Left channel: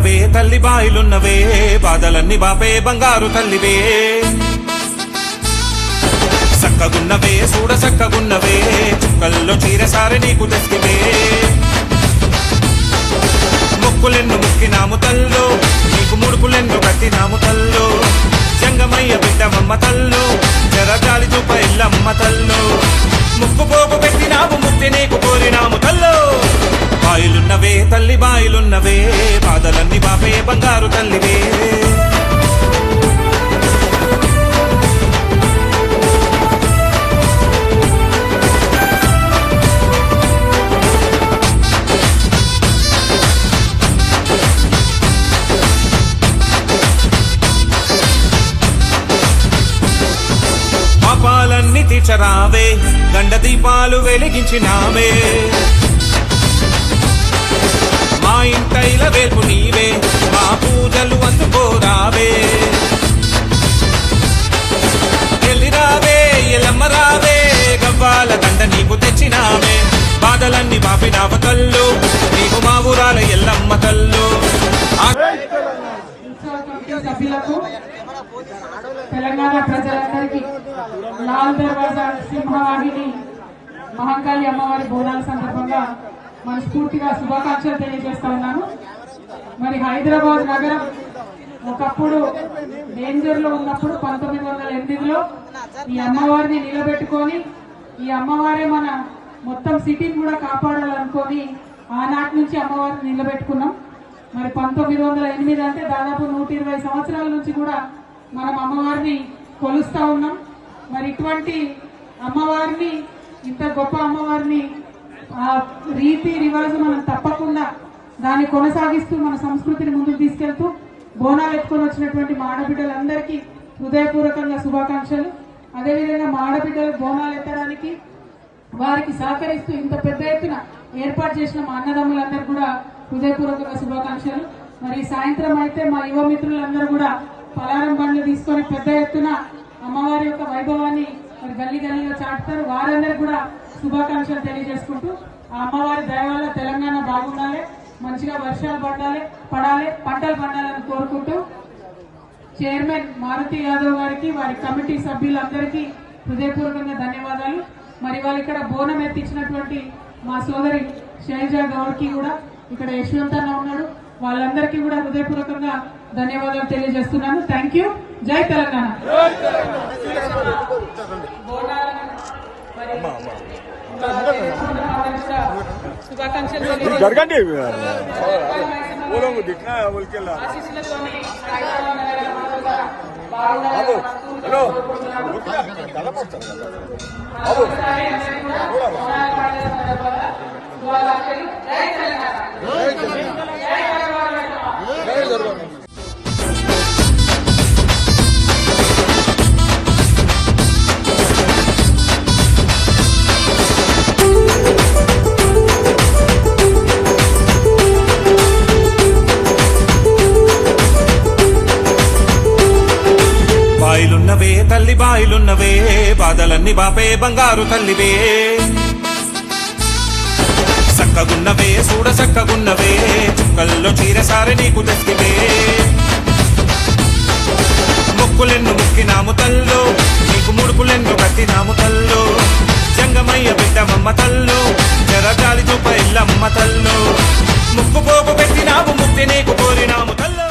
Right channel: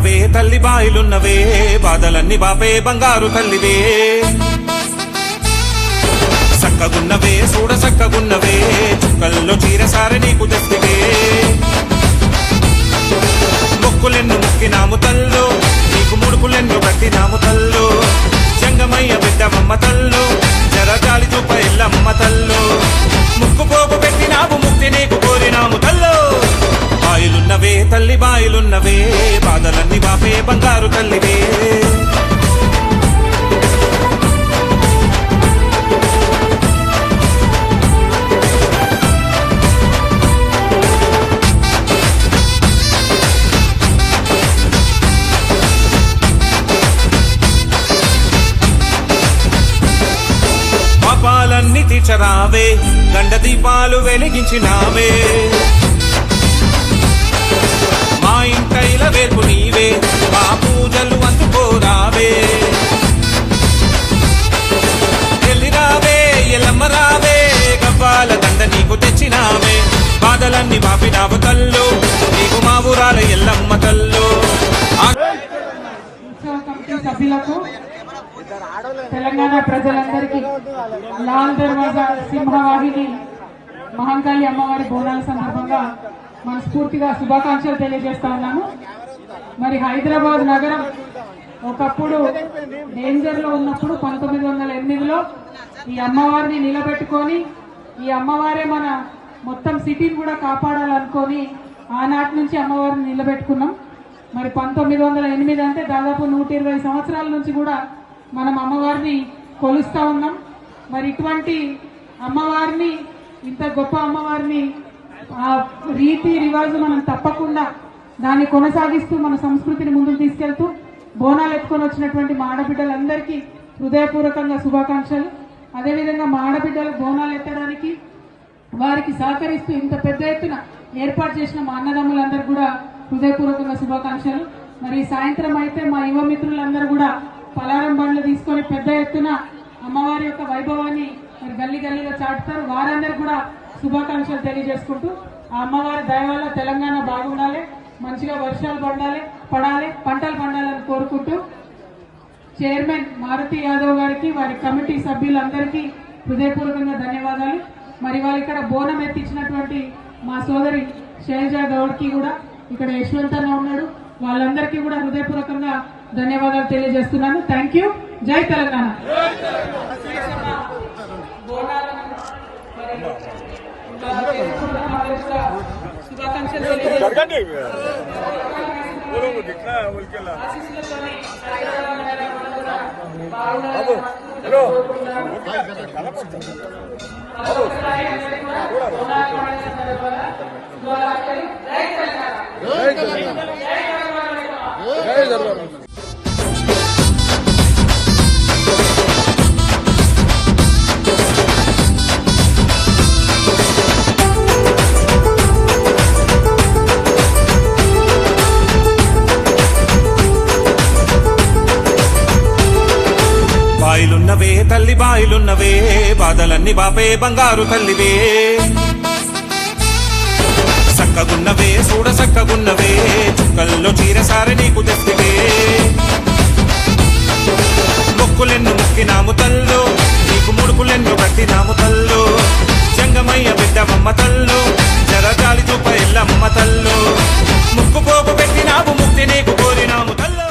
సక్కగున్నవే తల్లి బాయిలున్నవే బాధలన్నీ బాపే బంగారు తల్లివే సక్కగున్నవే చూడ సక్కగున్నవే చుక్కల్లో చీరసారి నీకు తెస్తివే మొక్కులెన్ను ముక్కినాము తల్లో నీకు ముడుపులెన్ను కట్టినాము తల్లో జంగమయ్య బిడ్డమమ్మ తల్లో జరజాలి చూప ఎల్లమ్మ తల్లో ముక్కు పోగు పెట్టినావు ముక్తి నీకు కోరినాము తల్లో బాయిలున్నవే తల్లి బాయిలున్నవే బాధలన్నీ బాపే బంగారు తల్లివే పాపాలన్నీ తీర్చరావే గండ దీపాలు వెలిగించినావే మా ఇంటైల వేల్పు నీవే మా పూజలు అందుకోరావే ఎల్లిరావే ఎల్లమ్మ రావే గవ్వాల దండ నీకు తెచ్చినామే బాధలన్నీ బాపినావ తల్లు నీకు మా ఊరాల ఎల్లమ్మ తల్లు తెలంగాణ ప్రజలందరికీ లాల్ దర్వాజా సింహవాహిని మహంకాళి అమ్మవారి బోనాల సందర్భంగా మనస్ఫూర్తిగా శుభాకాంక్షలు తెలియజేస్తా ఉన్నాము. మరి హైదరాబాద్ నగరం ఒకప్పుడు డేంజర్ లో ఉన్నప్పుడు 1908లో ఈ అమ్మవారిని నిలబెట్టుకొని ఈ అమ్మవారే మన మొత్తం సిటీ కూడా కాపాడాలనుకొని ఆనాటి నుంచి అమ్మవారిని నిలబెట్టుకున్నాం. మరి 1908 అంటే దాదాపు 120 సంవత్సరాల నుంచి కూడా మనం అమ్మవారిని కొలుస్తా ఉన్నాం. మరి ఇటువంటి అమ్మవారిని ఇంత గొప్ప అమ్మవారిని రీతి రివాజు మనం తప్పకుండా దాన్ని కొనసాగిస్తూ మన సంస్కృతిని ముందుకు తీసుకెళ్తూ బోనాలు ఎత్తుకొని వచ్చినటువంటి మా ఆడబిడ్డలందరికీ హృదయపూర్వకంగా శుభాకాంక్షలు. అదేవిధంగా మా ఆడబిడ్డలు బోనాలు ఎత్తడానికి వారికి సహకరిస్తూ ఇంత పెద్ద ఎత్తున ఏర్పాటు చేసిన మా అన్నదమ్ములందరికీ కూడా హృదయపూర్వకంగా శుభాకాంక్షలు. మరి సాయంత్రం అయితే మా యువ మిత్రులందరూ కూడా పలారం బండ్లు తీసుకొని పెద్ద ఎత్తున అమ్మవారి యొక్క వైభవాన్ని మరి గల్లీ గల్లీలో చాటుతారు. వారందరూ కూడా శుభాకాంక్షలు తెలియజేసుకుంటూ ఆ అమ్మవారి దయ వల్ల తెలంగాణ బాగుండాలి, మంచిగా వర్షాలు పడాలి, పంటలు పండాలని కోరుకుంటూ చైర్మన్ మారుతి యాదవ్ గారికి వారి కమిటీ సభ్యులందరికీ హృదయపూర్వకంగా ధన్యవాదాలు. మరి వారు ఇక్కడ బోనం ఎత్తించినటువంటి మా సోదరి శైలజా గౌడ్కి కూడా ఇక్కడ యశ్వంత్ అన్న ఉన్నాడు, వాళ్ళందరికీ కూడా హృదయపూర్వకంగా ధన్యవాదాలు తెలియజేస్తున్నాను. Thank you. జై తెలంగాణ. శుభాకాంక్షలు బాయిలున్నవే తల్లి బాయిలున్నవే బాధలన్నీ బాపే బంగారు తల్లివే సక్కగున్నవే చూడ సక్కగున్నవే చుక్కల్లో చీరసారి నీకు తెస్తివే మొక్కులెన్ను ముక్కినాము తల్లో నీకు ముడుపులెన్ను కట్టినాము తల్లో జంగమయ్య బిడ్డమమ్మ తల్లో జరజాలి చూప ఎల్లమ్మ తల్లో ముక్కు పోగు పెట్టినావు ముక్తి నీకు కోరినాము తల్లో